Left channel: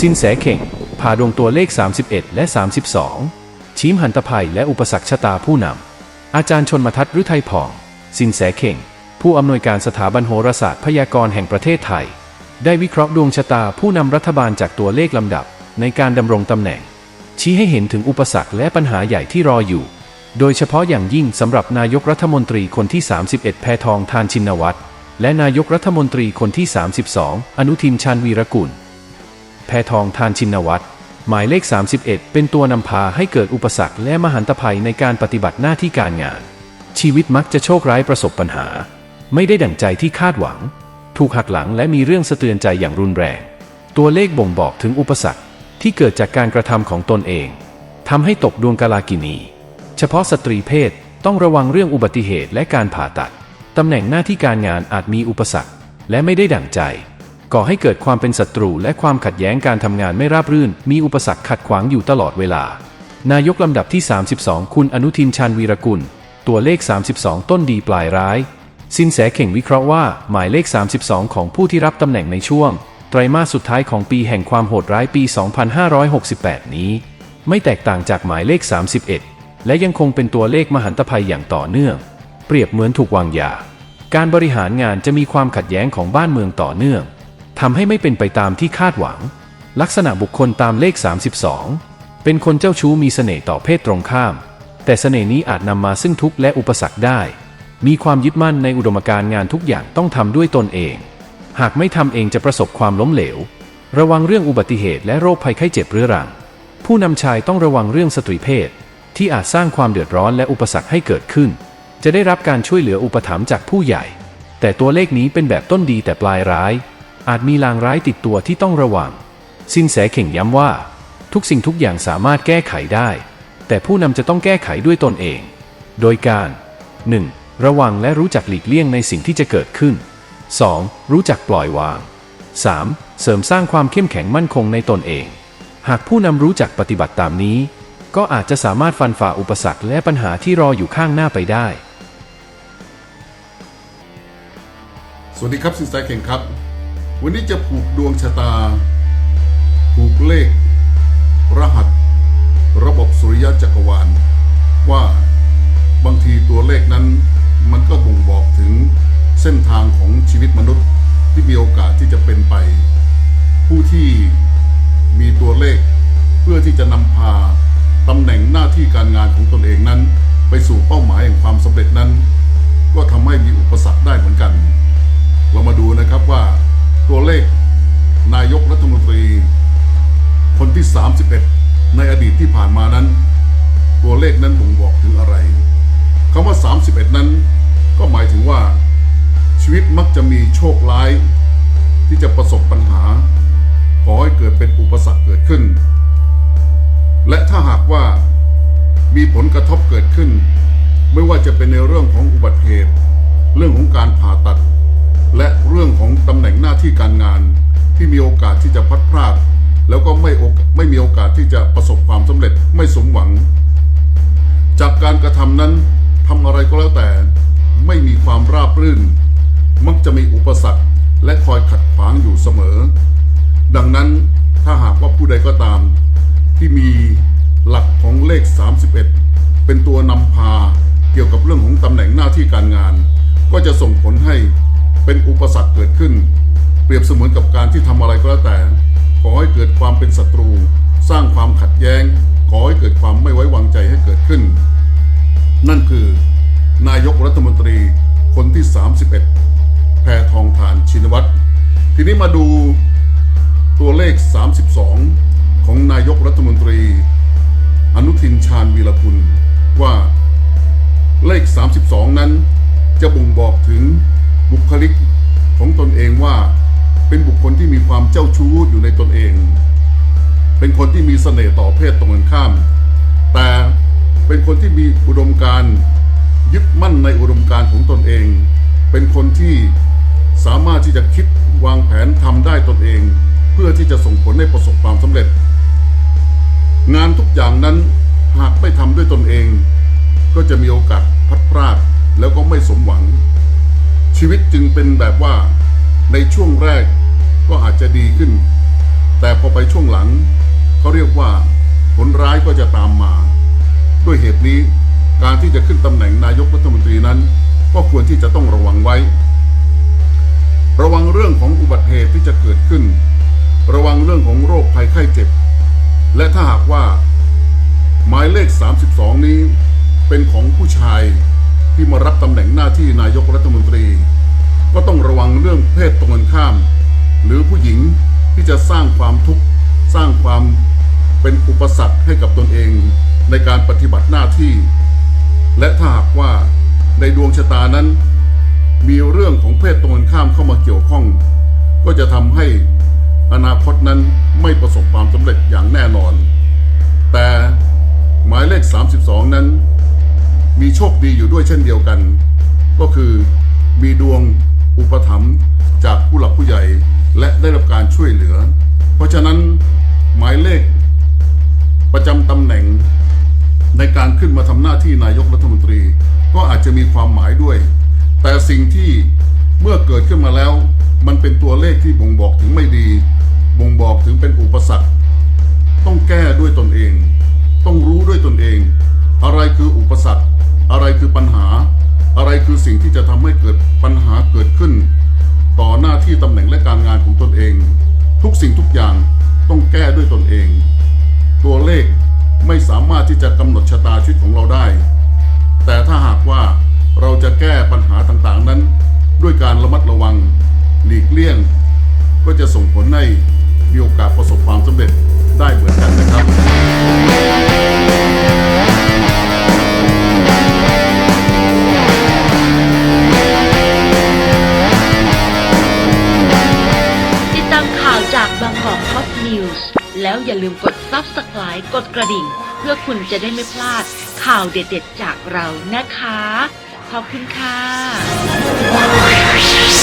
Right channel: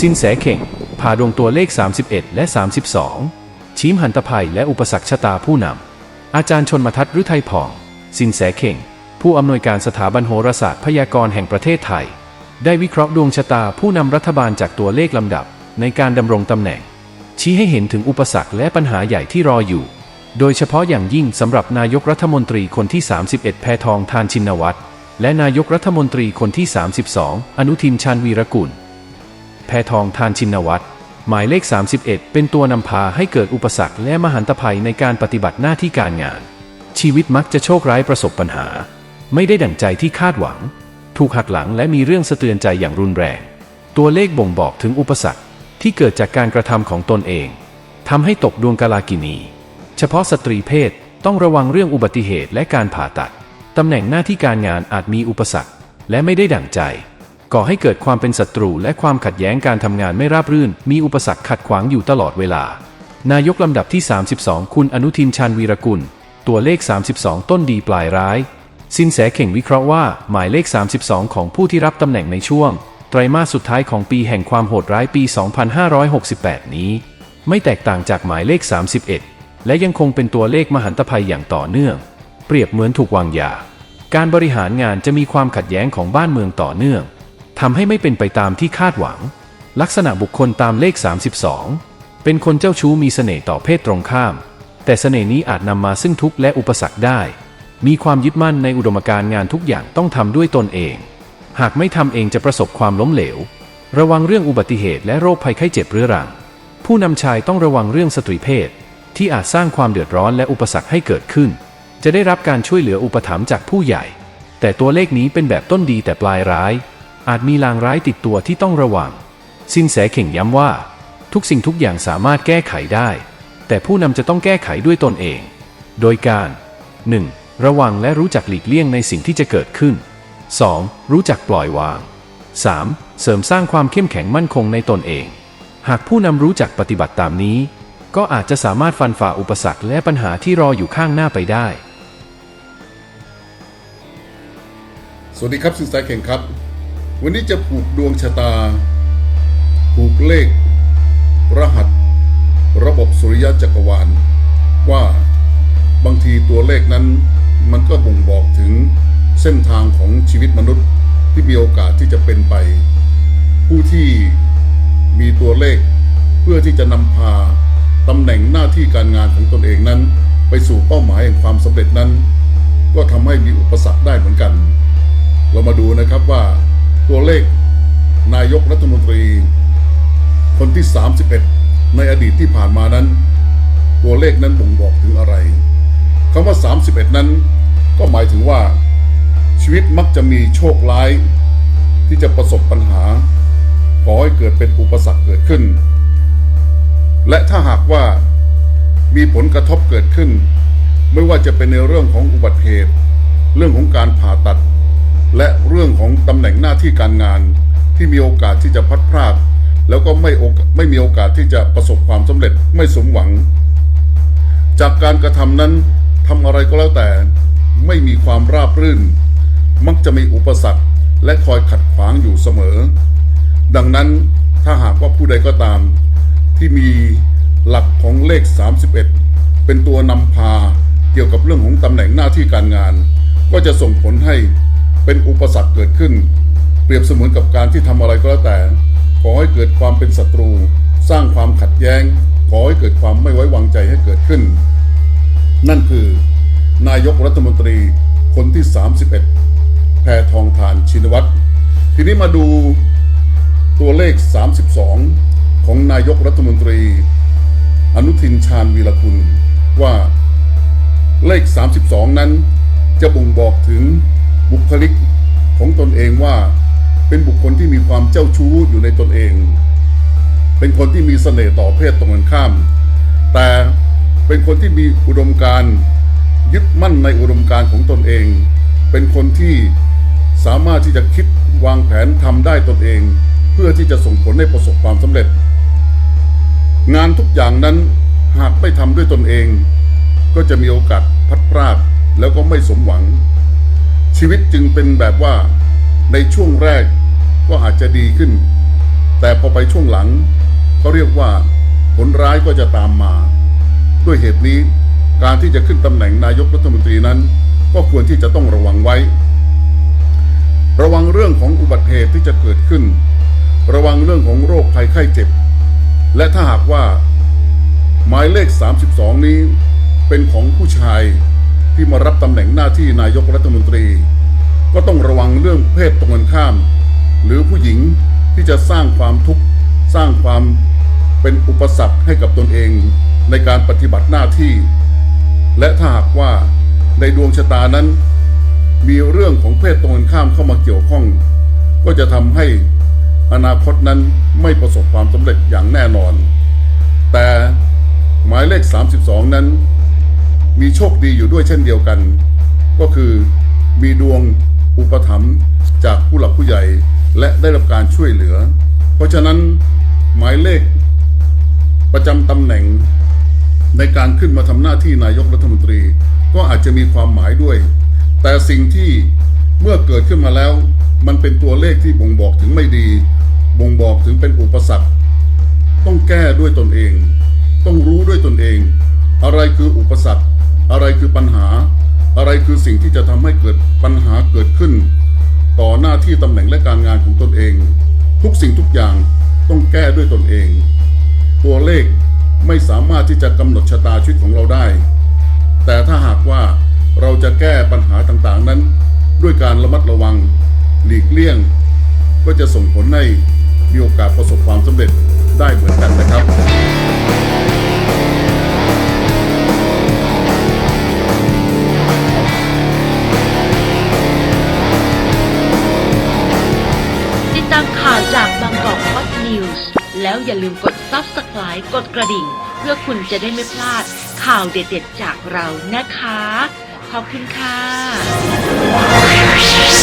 สินแสเข่งพาดวงตัวเลข 31 และ 32ชี้มหันตภัยและอุปสรรคชะตาผู้นำ อาจารย์ชนมทัศน์ฤทัยผ่อง สินแสเข่ง ผู้อำนวยการสถาบันโหราศาสตร์พยากรณ์แห่งประเทศไทย ได้วิเคราะห์ดวงชะตาผู้นำรัฐบาลจากตัวเลขลำดับในการดำรงตำแหน่ง ชี้ให้เห็นถึงอุปสรรคและปัญหาใหญ่ที่รออยู่ โดยเฉพาะอย่างยิ่งสำหรับนายกรัฐมนตรีคนที่ 31 แพทองทานชินวัตรและนายกรัฐมนตรีคนที่ 32 อนุทินชาญวีรกุล พทองทานชินวัตรหมายเลข 31 เป็นตัวนำพาให้เกิดอุปสรรคและมหันตภัยในการปฏิบัติหน้าที่การงาน ชีวิตมักจะโชคร้ายประสบปัญหา ไม่ได้ดั่งใจที่คาดหวัง ถูกหักหลังและมีเรื่องสะเตือนใจอย่างรุนแรง ตัวเลขบ่งบอกถึงอุปสรรคที่เกิดจากการกระทำของตนเองทำให้ตกดวงกาลากินี เฉพาะสตรีเพศต้องระวังเรื่องอุบัติเหตุและการผ่าตัดตำแหน่งหน้าที่การงานอาจมีอุปสรรคและไม่ได้ดั่งใจ ก่อให้เกิดความเป็นศัตรูและความขัดแย้งการทำงานไม่ราบรื่น มีอุปสรรคขัดขวางอยู่ตลอดเวลา นายกลำดับที่ 32 คุณอนุทินชาญวีรกุล ตัวเลข 32 ต้นดีปลายร้าย สินแสเข่งวิเคราะห์ว่า หมายเลข 32 ของผู้ที่รับตำแหน่งในช่วง ไตรมาสสุดท้ายของปีแห่งความโหดร้ายปี 2568 นี้ ไม่แตกต่างจากหมายเลข 31 และยังคงเป็นตัวเลขมหันตภัยอย่างต่อเนื่อง เปรียบเหมือนถูกวางยา การบริหารงานจะมีความขัดแย้งของบ้านเมืองต่อเนื่อง ทำให้ไม่เป็นไปตามที่คาดหวัง ลักษณะบุคคลตามเลข 32 เป็นคนเจ้าชู้มีเสน่ห์ต่อเพศตรงข้าม แต่เสน่ห์นี้อาจนำมาซึ่งทุกข์และอุปสรรคได้ มีความยึดมั่นในอุดมการณ์งานทุกอย่างต้องทำด้วยตนเอง หากไม่ทำเองจะประสบความล้มเหลว ระวังเรื่องอุบัติเหตุและโรคภัยไข้เจ็บเรื้อรัง ผู้นำชายต้องระวังเรื่องสตรีเพศ ที่อาจสร้างความเดือดร้อนและอุปสรรคให้เกิดขึ้น จะได้รับการช่วยเหลืออุปถัมภ์จากผู้ใหญ่ แต่ตัวเลขนี้เป็นแบบต้นดีแต่ปลายร้าย อาจมีลางร้ายติดตัวที่ต้องระวัง สินแสเข่งย้ำว่า ทุกสิ่งทุกอย่างสามารถแก้ไขได้ แต่ผู้นำจะต้องแก้ไขด้วยตนเอง โดยการ 1. ระวังและรู้จักหลีกเลี่ยงในสิ่งที่จะเกิดขึ้น 2. รู้จักปล่อยวาง 3. เสริมสร้างความเข้มแข็งมั่นคงในตนเอง หากผู้นำรู้จักปฏิบัติตามนี้ ก็อาจจะสามารถฟันฝ่าอุปสรรคและปัญหาที่รออยู่ข้างหน้าไปได้ สวัสดีครับสินแสเข่งครับ วันนี้จะผูกดวงชะตา ผูกเลข รหัส ระบบสุริยะจักรวาล ว่าบางทีตัวเลขนั้นมันก็บ่งบอกถึงเส้นทางของชีวิตมนุษย์ที่มีโอกาสที่จะเป็นไป ผู้ที่มีตัวเลขเพื่อที่จะนำพาตำแหน่งหน้าที่การงานของตนเองนั้น ไปสู่เป้าหมายแห่งความสำเร็จนั้น ก็ทำให้มีอุปสรรคได้เหมือนกัน เรามาดูนะครับว่า ตัวเลขนายกรัฐมนตรี คนที่ 31 ในอดีตที่ผ่านมานั้น ตัวเลขนั้นบ่งบอกถึงอะไรคำว่า 31 นั้น ก็หมายถึงว่า ชีวิตมักจะมีโชคร้าย ที่จะประสบปัญหาก่อให้เกิดเป็นอุปสรรคเกิดขึ้น และถ้าหากว่ามีผลกระทบเกิดขึ้น ไม่ว่าจะเป็นในเรื่องของอุบัติเหตุ เรื่องของการผ่าตัด และเรื่องของตำแหน่งหน้าที่การงานที่มีโอกาสที่จะพัดพรากแล้วก็ไม่อกไม่มีโอกาสที่จะประสบความสำเร็จไม่สมหวัง จากการกระทำนั้นทำอะไรก็แล้วแต่ ไม่มีความราบรื่น มักจะมีอุปสรรคและคอยขัดขวางอยู่เสมอ ดังนั้นถ้าหากว่าผู้ใดก็ตาม ที่มีหลักของเลข 31 เป็นตัวนำพาเกี่ยวกับเรื่องของตำแหน่งหน้าที่การงาน ก็จะส่งผลให้ เป็นอุปสรรคเกิดขึ้น เปรียบเสมือนกับการที่ทำอะไรก็แล้วแต่ขอให้เกิดความเป็นศัตรู สร้างความขัดแย้งขอให้เกิดความไม่ไว้วางใจให้เกิดขึ้น นั่นคือ นายกรัฐมนตรีคนที่ 31 แพทองทานชินวัตรทีนี้มาดูตัวเลข 32 ของนายกรัฐมนตรี อนุทินชาญวีรกุลว่าเลข 32 นั้นจะบ่งบอกถึง บุคลิกของตนเองว่าเป็นบุคคลที่มีความเจ้าชู้อยู่ในตนเอง เป็นคนที่มีเสน่ห์ต่อเพศตรงกันข้าม แต่เป็นคนที่มีอุดมการยึดมั่นในอุดมการของตนเอง เป็นคนที่สามารถที่จะคิดวางแผนทำได้ตนเอง เพื่อที่จะส่งผลให้ประสบความสำเร็จ งานทุกอย่างนั้นหากไม่ทำด้วยตนเอง ก็จะมีโอกาสพัดพรากแล้วก็ไม่สมหวัง ชีวิตจึงเป็นแบบว่าในช่วงแรกก็อาจจะดีขึ้น แต่พอไปช่วงหลังเขาเรียกว่าผลร้ายก็จะตามมา ด้วยเหตุนี้การที่จะขึ้นตำแหน่งนายกรัฐมนตรีนั้น ก็ควรที่จะต้องระวังไว้ ระวังเรื่องของอุบัติเหตุที่จะเกิดขึ้น ระวังเรื่องของโรคภัยไข้เจ็บ และถ้าหากว่า หมายเลข 32 นี้เป็นของผู้ชาย ที่มารับตำแหน่งหน้าที่นายกรัฐมนตรี ก็ต้องระวังเรื่องเพศตรงกันข้าม หรือผู้หญิงที่จะสร้างความทุกข์สร้างความเป็นอุปสรรคให้กับตนเองในการปฏิบัติหน้าที่ และถ้าหากว่าในดวงชะตานั้น มีเรื่องของเพศตรงกันข้ามเข้ามาเกี่ยวข้อง ก็จะทำให้อนาคตนั้นไม่ประสบความสำเร็จอย่างแน่นอน แต่หมายเลข 32 นั้น มีโชคดีอยู่ด้วยเช่นเดียวกัน ก็คือมีดวงอุปถัมภ์จากผู้หลักผู้ใหญ่และได้รับการช่วยเหลือ เพราะฉะนั้นหมายเลขประจำตำแหน่งในการขึ้นมาทำหน้าที่นายกรัฐมนตรี ก็อาจจะมีความหมายด้วย แต่สิ่งที่เมื่อเกิดขึ้นมาแล้ว มันเป็นตัวเลขที่บ่งบอกถึงไม่ดี บ่งบอกถึงเป็นอุปสรรค ต้องแก้ด้วยตนเอง ต้องรู้ด้วยตนเอง อะไรคืออุปสรรค อะไรคือปัญหา อะไรคือสิ่งที่จะทำให้เกิดปัญหาเกิดขึ้น ต่อหน้าที่ตำแหน่งและการงานของตนเอง ทุกสิ่งทุกอย่างต้องแก้ด้วยตนเอง ตัวเลขไม่สามารถที่จะกำหนดชะตาชีวิตของเราได้ แต่ถ้าหากว่าเราจะแก้ปัญหาต่างๆนั้น ด้วยการระมัดระวัง หลีกเลี่ยง ก็จะส่งผลให้มีโอกาสประสบความสำเร็จได้เหมือนกันนะครับ แล้วอย่าลืมกด Subscribe กดกระดิ่ง เพื่อคุณจะได้ไม่พลาดข่าวเด็ดๆจากเรานะคะ ขอบคุณค่ะ